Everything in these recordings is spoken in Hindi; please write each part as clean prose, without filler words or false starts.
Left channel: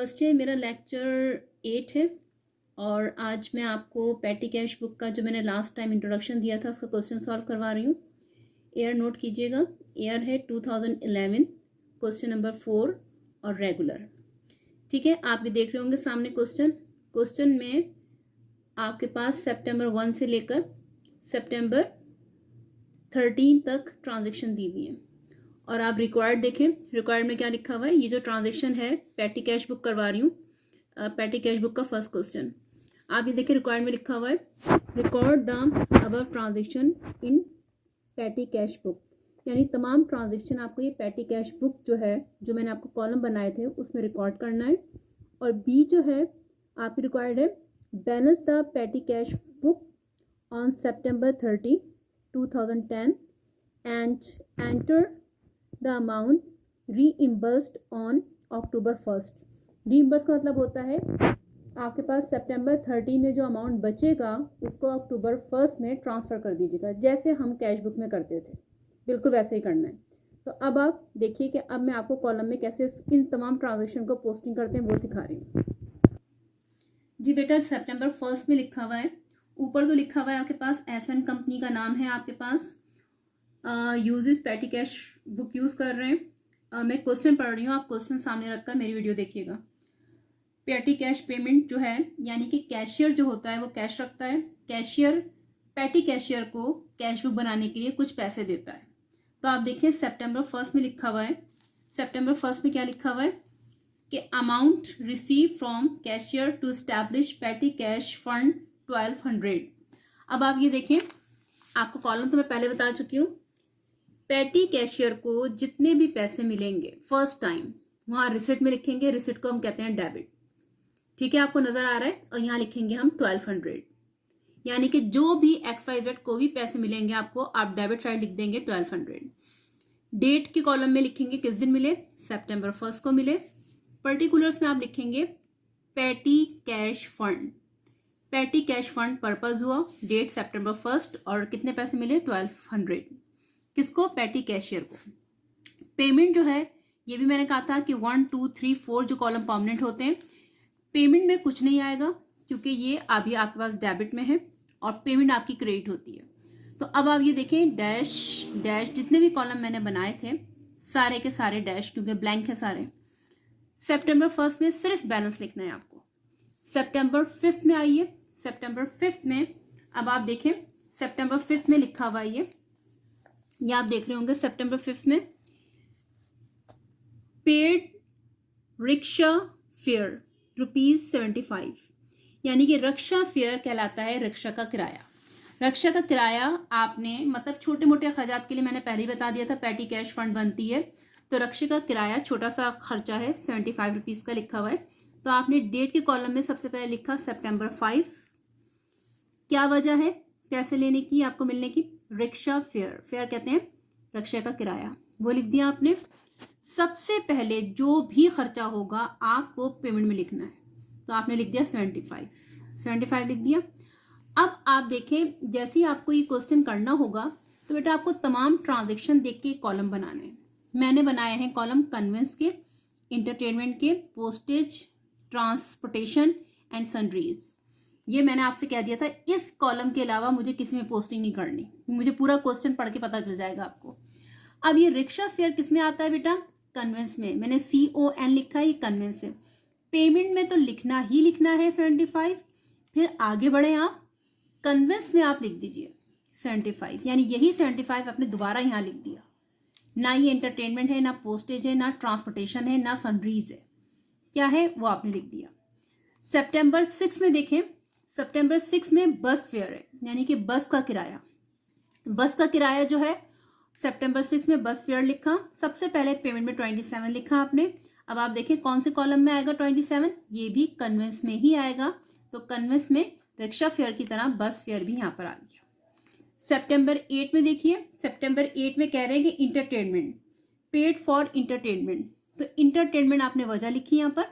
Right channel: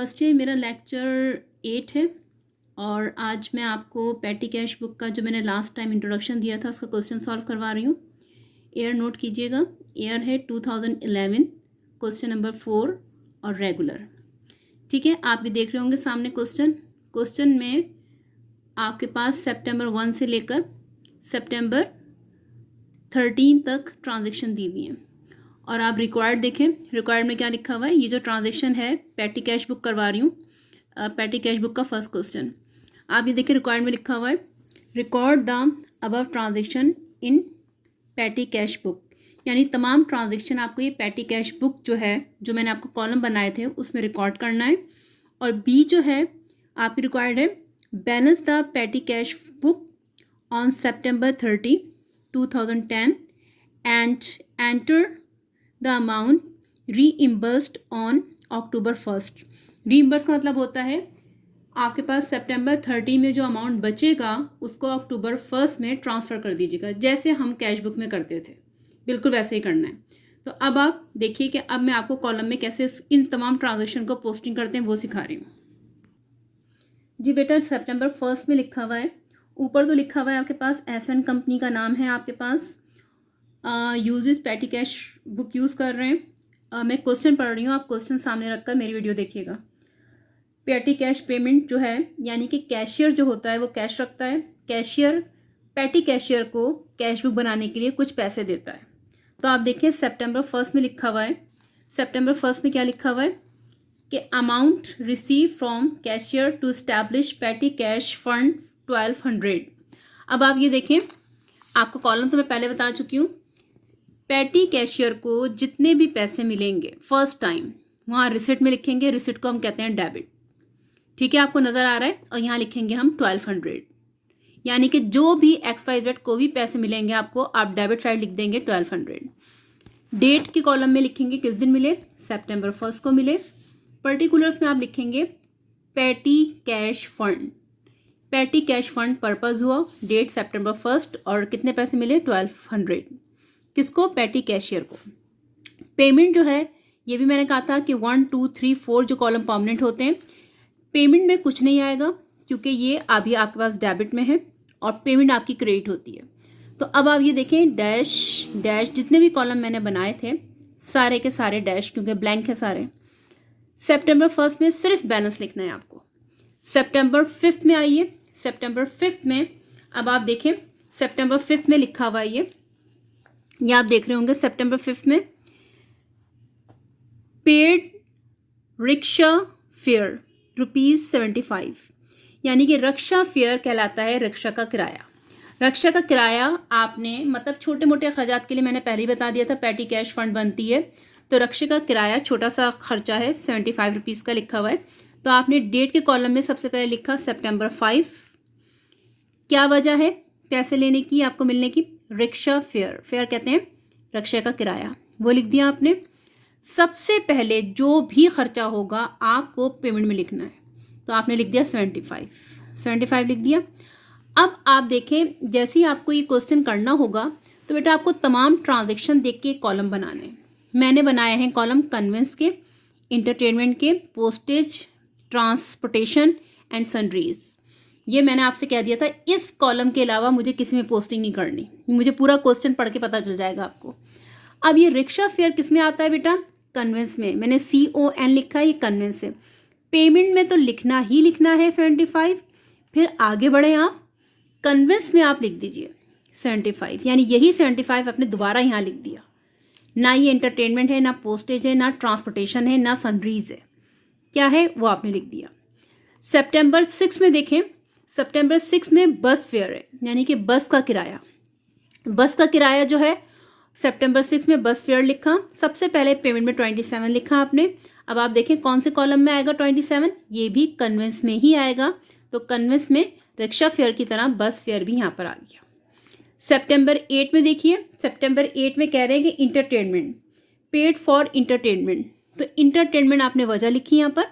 फर्स्ट है मेरा लेक्चर 8 है और आज मैं आपको पेटी कैश बुक का जो मैंने लास्ट टाइम इंट्रोडक्शन दिया था उसका क्वेश्चन सॉल्व करवा रही हूँ। ईयर नोट कीजिएगा, ईयर है 2011, क्वेश्चन नंबर 4 और रेगुलर। ठीक है, आप भी देख रहे होंगे सामने क्वेश्चन में आपके पास सितंबर 1 से लेकर सितंबर 13 तक ट्रांजेक्शन दी हुई है और आप रिक्वायर्ड देखें, रिक्वायर्ड में क्या लिखा हुआ है। ये जो ट्रांजेक्शन है पेटी कैश बुक करवा रही हूँ, पेटी कैश बुक का फर्स्ट क्वेश्चन आप ये देखिए, रिक्वायर्ड में लिखा हुआ है record the above transaction in पेटी कैश बुक, यानी तमाम ट्रांजेक्शन आपको ये पेटी कैश बुक जो है, जो मैंने आपको कॉलम बनाए थे उसमें रिकॉर्ड करना है। और बी जो है आपकी रिक्वायर्ड है balance the petty cash book on September 30, 2010 and enter the amount reimbursed on October 1st। Reimburse का मतलब होता है आपके पास सितंबर 30 में जो अमाउंट बचेगा उसको October 1st में ट्रांसफ़र कर दीजिएगा, जैसे हम कैश बुक में करते थे, बिल्कुल वैसे ही करना है। तो अब आप देखिए कि अब मैं आपको कॉलम में कैसे इन तमाम ट्रांजेक्शन को पोस्टिंग करते हैं वो सिखा रही हूँ। जी बेटा, September 1st में लिखा हुआ है, ऊपर तो लिखा हुआ है आपके पास एस1 कंपनी का नाम है, आपके पास uses petty cash book use कर रहे हैं। मैं क्वेश्चन पढ़ रही हूँ, आप क्वेश्चन सामने रखकर मेरी वीडियो देखिएगा। पेटी कैश पेमेंट जो है, यानी कि कैशियर जो होता है वो कैश रखता है, कैशियर पेटी कैशियर को कैश बुक बनाने के लिए कुछ पैसे देता है। तो आप देखिए September 1st में लिखा हुआ है, September 1st में क्या लिखा हुआ है कि amount receive from cashier to establish petty cash fund 1200। अब आप ये देखें, आपको कॉलम तो मैं पहले बता चुकी हूँ। पेटी कैशियर को जितने भी पैसे मिलेंगे फर्स्ट टाइम वहाँ रिसिट में लिखेंगे, रिसिट को हम कहते हैं डेबिट। ठीक है, आपको नज़र आ रहा है। और यहाँ लिखेंगे हम 1200, यानी कि जो भी XYZ को भी पैसे मिलेंगे आपको, आप डेबिट साइड लिख देंगे 1200। डेट के कॉलम में लिखेंगे किस दिन मिले, September 1st को मिले। पर्टिकुलर्स में आप लिखेंगे पेटी कैश फंड, पेटी कैश फंड पर्पज़ हुआ, डेट September 1st और कितने पैसे मिले 1200। किसको, पेटी कैशियर को। पेमेंट जो है ये भी मैंने कहा था कि 1, 2, 3, 4 जो कॉलम परमानेंट होते हैं, पेमेंट में कुछ नहीं आएगा क्योंकि ये अभी आपके पास डेबिट में है और पेमेंट आपकी क्रेडिट होती है। तो अब आप ये देखें, डैश डैश जितने भी कॉलम मैंने बनाए थे सारे के सारे डैश, क्योंकि ब्लैंक है सारे। September 1st में सिर्फ बैलेंस लिखना है आपको। September 5th में आइए, September 5th में अब आप देखें, September 5th में लिखा हुआ है ये आप देख रहे होंगे। September 5th में पेड रिक्शा फेयर ₹75, यानी कि रक्षा फेयर कहलाता है रिक्शा का किराया। रक्षा का किराया आपने, मतलब छोटे मोटे अखराजात के लिए मैंने पहले ही बता दिया था पेटी कैश फंड बनती है, तो रक्षा का किराया छोटा सा खर्चा है ₹75 का लिखा हुआ है। तो आपने डेट के कॉलम में सबसे पहले लिखा September 5। क्या वजह है पैसे लेने की, आपको मिलने की, रिक्शा फेयर, फेयर कहते हैं रक्षा का किराया, वो लिख दिया आपने। सबसे पहले जो भी खर्चा होगा आपको पेमेंट में लिखना है, तो आपने लिख दिया 75 लिख दिया। अब आप देखें, जैसे ही आपको ये क्वेश्चन करना होगा तो बेटा आपको तमाम ट्रांजेक्शन देख के कॉलम बनाने हैं। मैंने बनाए हैं कॉलम कन्वेंस के, इंटरटेनमेंट के, पोस्टेज, ट्रांसपोर्टेशन एंड सन्ड्रीज। ये मैंने आपसे कह दिया था, इस कॉलम के अलावा मुझे किसी में पोस्टिंग नहीं करनी, मुझे पूरा क्वेश्चन पढ़ के पता चल जाएगा आपको। अब ये रिक्शा फेयर किस में आता है बेटा, कन्वेंस में। मैंने CON लिखा है, ये कन्वेंस है। पेमेंट में तो लिखना ही लिखना है 75, फिर आगे बढ़े आप, कन्वेंस में आप लिख दीजिए 75, यानी यही 75 आपने दोबारा यहाँ लिख दिया। ना ये एंटरटेनमेंट है, ना पोस्टेज है, ना ट्रांसपोर्टेशन है, ना सन्ड्रीज है, क्या है वो आपने लिख दिया। September 6 में देखें, September 6 में बस फेयर है, यानी कि बस का किराया। बस का किराया जो है September 6 में बस फेयर लिखा, सबसे पहले पेमेंट में 27 लिखा आपने। अब आप देखें कौन से कॉलम में आएगा 27, ये भी कन्वेंस में ही आएगा, तो कन्वेंस में रिक्शा फेयर की तरह बस फेयर भी यहाँ पर आ गया। September 8 में देखिए, September 8 में कह रहे हैं कि इंटरटेनमेंट, पेड फॉर इंटरटेनमेंट, तो इंटरटेनमेंट आपने वजह लिखी यहाँ पर।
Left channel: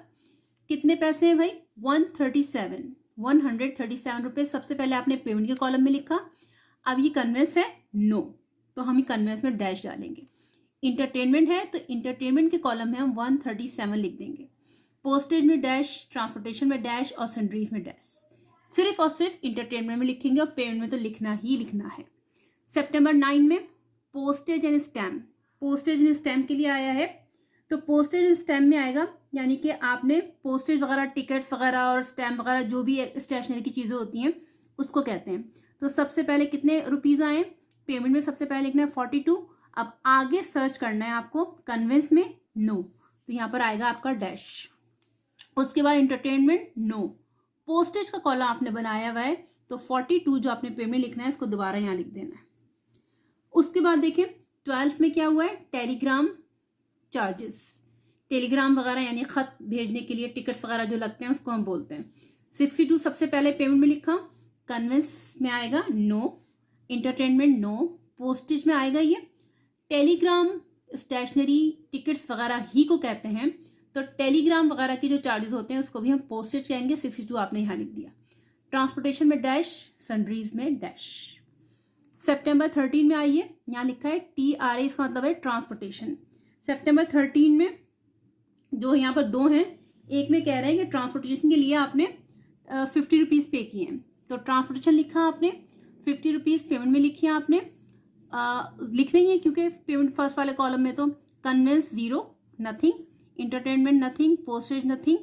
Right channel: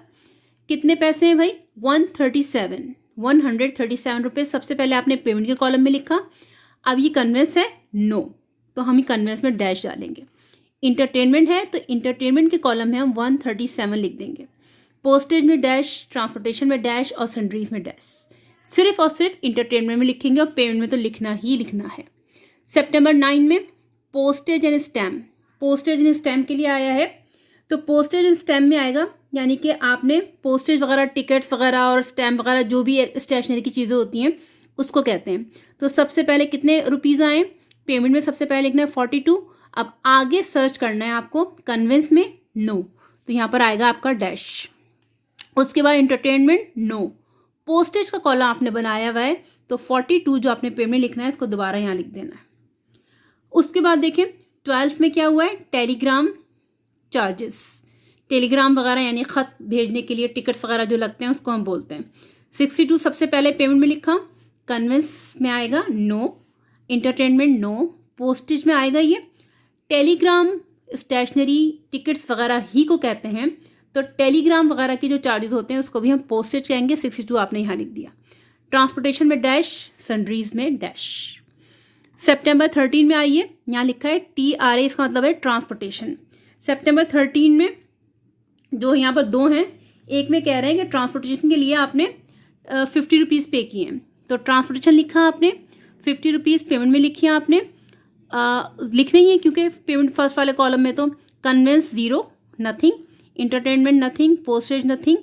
कितने पैसे हैं भाई, 137 रुपये सबसे पहले आपने पेमेंट के कॉलम में लिखा। अब ये कन्वेंस है नो, तो हम ही कन्वेंस में डैश डालेंगे। इंटरटेनमेंट है तो इंटरटेनमेंट के कॉलम में हम 137 लिख देंगे। पोस्टेज में डैश, ट्रांसपोर्टेशन में डैश और सन्ड्रीज में डैश। सिर्फ और सिर्फ इंटरटेनमेंट में लिखेंगे और पेमेंट में तो लिखना ही लिखना है। सितंबर 9 में postage and stamp, postage and stamp के लिए आया है। तो पोस्टेज एंड स्टैम्प में आएगा, यानी कि आपने पोस्टेज वगैरह, टिकट्स वगैरह और स्टैम्प वगैरह जो भी स्टेशनरी की चीज़ें होती हैं उसको कहते हैं। तो सबसे पहले कितने रुपीज़ आए, पेमेंट में सबसे पहले लिखना है 42। अब आगे सर्च करना है आपको, कन्वेंस में नो, तो यहाँ पर आएगा आपका डैश। उसके बाद इंटरटेनमेंट नो, पोस्टेज का कॉलम आपने बनाया हुआ है तो 42 जो आपने पेमेंट लिखना है इसको दोबारा यहाँ लिख देना है। उसके बाद देखें 12 में क्या हुआ है, टेलीग्राम चार्जेस, टेलीग्राम वगैरह यानी ख़त भेजने के लिए टिकट्स वगैरह जो लगते हैं उसको हम बोलते हैं। 62 सबसे पहले पेमेंट में लिखा, कन्वेंस में आएगा नो, इंटरटेनमेंट नो, पोस्टेज में आएगा ये। टेलीग्राम स्टेशनरी टिकट्स वगैरह ही को कहते हैं, तो टेलीग्राम वगैरह के जो चार्जेस होते हैं उसको भी हम पोस्टेज कहेंगे। 62 आपने यहाँ लिख दिया। ट्रांसपोर्टेशन में डैश, सन्ड्रीज में डैश। सितंबर 13 में आइए, यहाँ लिखा है TRA, इसका मतलब है ट्रांसपोर्टेशन। सितंबर 13 में जो यहाँ पर दो हैं, एक में कह रहे हैं कि ट्रांसपोर्टेशन के लिए आपने 50 रुपीज़ पे किए हैं, तो ट्रांसपोर्टेशन लिखा आपने, 50 रुपीज़ पेमेंट में लिखी आपने, लिखना ही है क्योंकि पेमेंट फर्स्ट वाले कॉलम में। तो conveyance 0, nothing, entertainment nothing, postage nothing,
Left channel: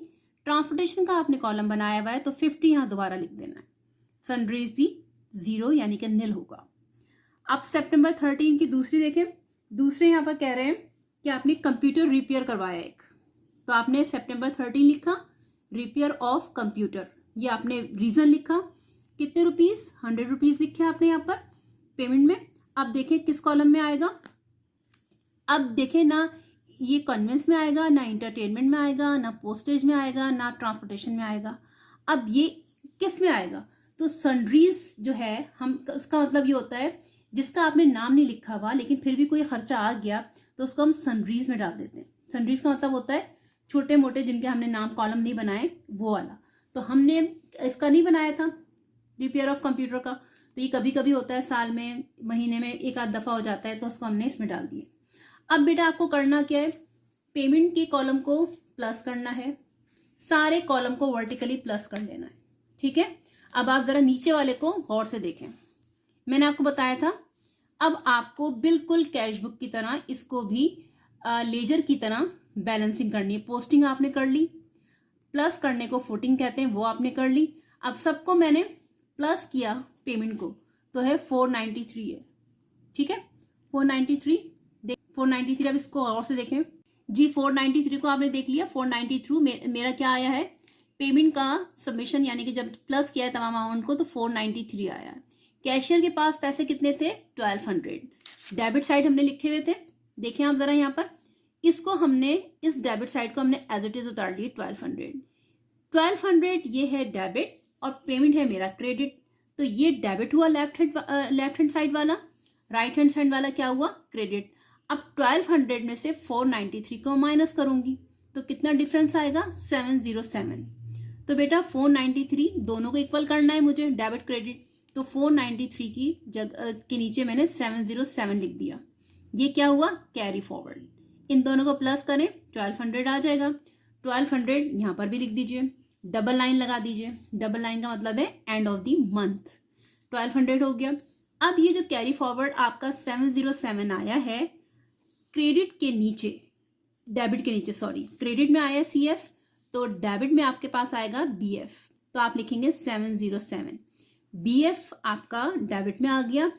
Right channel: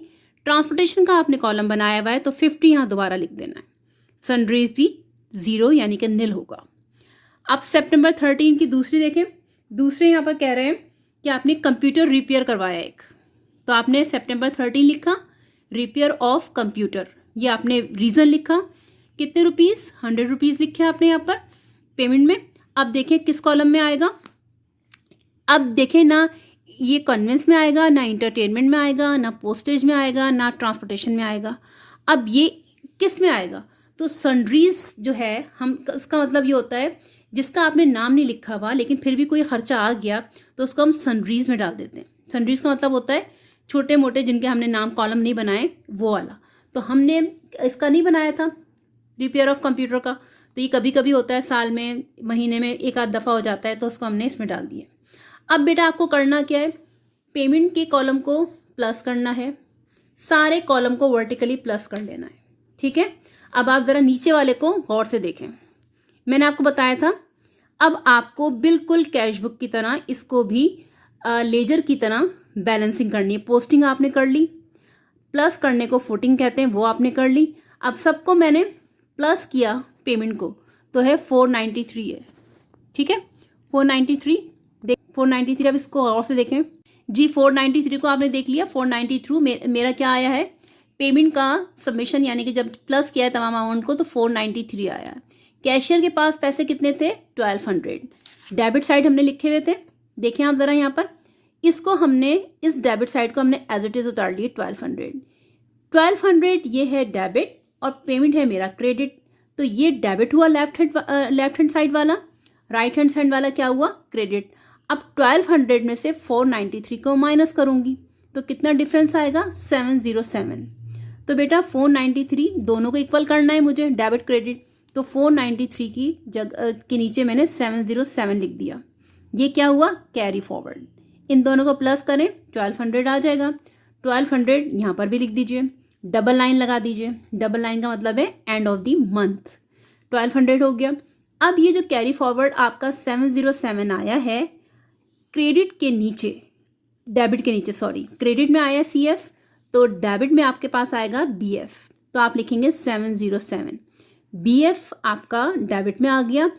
transportation का आपने कॉलम बनाया हुआ है तो 50 यहाँ दोबारा लिख देना है। सन्ड्रीज भी 0 यानी कि निल होगा। अब सितंबर 13 की दूसरी देखें, दूसरे यहाँ पर कह रहे हैं कि आपने कंप्यूटर रिपेयर करवाया एक, तो आपने सितंबर 13 लिखा, रिपेयर ऑफ कंप्यूटर, ये आपने रीज़न लिखा, कितने रुपीज़, 100 रुपीज़ लिखे आपने यहाँ पर पेमेंट में। अब देखें किस कॉलम में आएगा, अब देखें ना ये कन्वेंस में आएगा, ना इंटरटेनमेंट में आएगा, ना पोस्टेज में आएगा, ना ट्रांसपोर्टेशन में आएगा। अब ये किस में आएगा, तो सन्ड्रीज जो है, हम इसका मतलब ये होता है जिसका आपने नाम नहीं लिखा हुआ लेकिन फिर भी कोई खर्चा आ गया तो उसको हम सन्ड्रीज में डाल देते हैं। सन्ड्रीज का मतलब होता है छोटे मोटे जिनके हमने नाम कॉलम नहीं बनाए वो वाला। तो हमने इसका नहीं बनाया था रिपेयर ऑफ कंप्यूटर का, तो ये कभी कभी होता है, साल में, महीने में एक आध दफ़ा हो जाता है, तो उसको हमने इसमें डाल दिया। अब बेटा आपको करना क्या है, पेमेंट के कॉलम को प्लस करना है, सारे कॉलम को वर्टिकली प्लस कर लेना है, ठीक है। अब आप ज़रा नीचे वाले को गौर से देखें, मैंने आपको बताया था अब आपको बिल्कुल कैश बुक की तरह इसको भी लेजर की तरह बैलेंसिंग करनी है। पोस्टिंग आपने कर ली, प्लस करने को फुटिंग कहते हैं, वो आपने कर ली। अब सबको मैंने प्लस किया पेमेंट को, तो है 493 है, ठीक है, 493 देख 493। अब इसको और से देखें जी, 493 को आपने देख लिया। 493 मेरा क्या आया है, पेमेंट का सबमिशन, यानी कि जब प्लस किया है तमाम अमाउंट को तो 493 आया है। कैशियर के पास पैसे कितने थे, 1200। डेबिट साइड हमने लिखे हुए थे, देखें आप ज़रा यहाँ पर, इसको हमने, इस डेबिट साइड को हमने एज इट इज़ उतार दिए 1200 ये है डेबिट और पेमेंट है मेरा क्रेडिट। तो ये डेबिट हुआ लेफ्ट हैंड साइड वाला, राइट हैंड साइड वाला क्या हुआ, क्रेडिट। अब 1200 में से 493 को माइनस करूंगी तो कितना डिफरेंस आएगा, 707। तो बेटा 493 दोनों को इक्वल करना है मुझे, डेबिट क्रेडिट, तो 493 की जगह के नीचे मैंने 707 लिख दिया। ये क्या हुआ, कैरी फॉरवर्ड। इन दोनों को प्लस करें 1200 आ जाएगा। 1200 यहाँ पर भी लिख दीजिए, डबल लाइन लगा दीजिए, डबल लाइन का मतलब है एंड ऑफ द मंथ। 1200 हो गया। अब ये जो कैरी फॉरवर्ड आपका 707 आया है क्रेडिट के नीचे, डेबिट के नीचे, सॉरी, क्रेडिट में आया CF, तो डेबिट में आपके पास आएगा BF, तो आप लिखेंगे 707। BF आपका डेबिट में आ गया।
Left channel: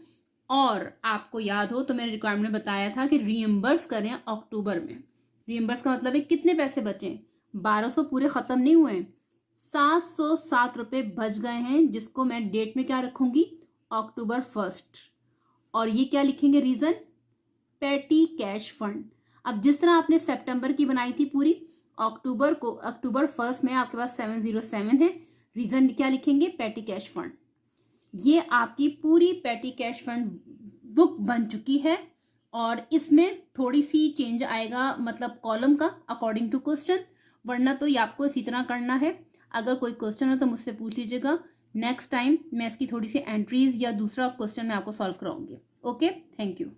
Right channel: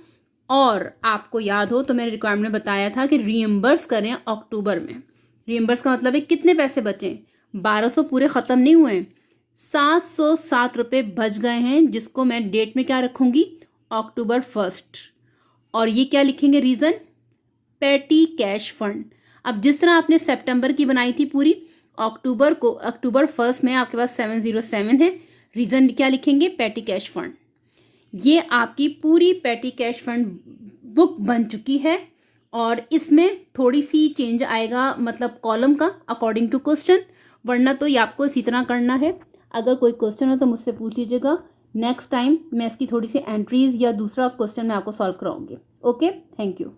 और आपको याद हो तो मैंने रिक्वायरमेंट में बताया था कि रीएम्बर्स करें अक्टूबर में। रीएम्बर्स का मतलब है कितने पैसे बचे, 1200 पूरे ख़त्म नहीं हुए, 707 रुपये बच गए हैं, जिसको मैं डेट में क्या रखूँगी, अक्टूबर 1। और ये क्या लिखेंगे, रीज़न, पेटी कैश फंड। अब जिस तरह आपने सितंबर की बनाई थी पूरी, अक्टूबर को, अक्टूबर 1 में आपके पास 707 है, रीज़न क्या लिखेंगे, पेटी कैश फंड। ये आपकी पूरी पेटी कैश फंड बुक बन चुकी है और इसमें थोड़ी सी चेंज आएगा, मतलब कॉलम का अकॉर्डिंग टू क्वेश्चन, वरना तो ये आपको इसी तरह करना है। अगर कोई क्वेश्चन हो तो मुझसे पूछ लीजिएगा, नेक्स्ट टाइम मैं इसकी थोड़ी सी एंट्रीज या दूसरा क्वेश्चन मैं आपको सॉल्व कराऊंगी। Okay, thank you.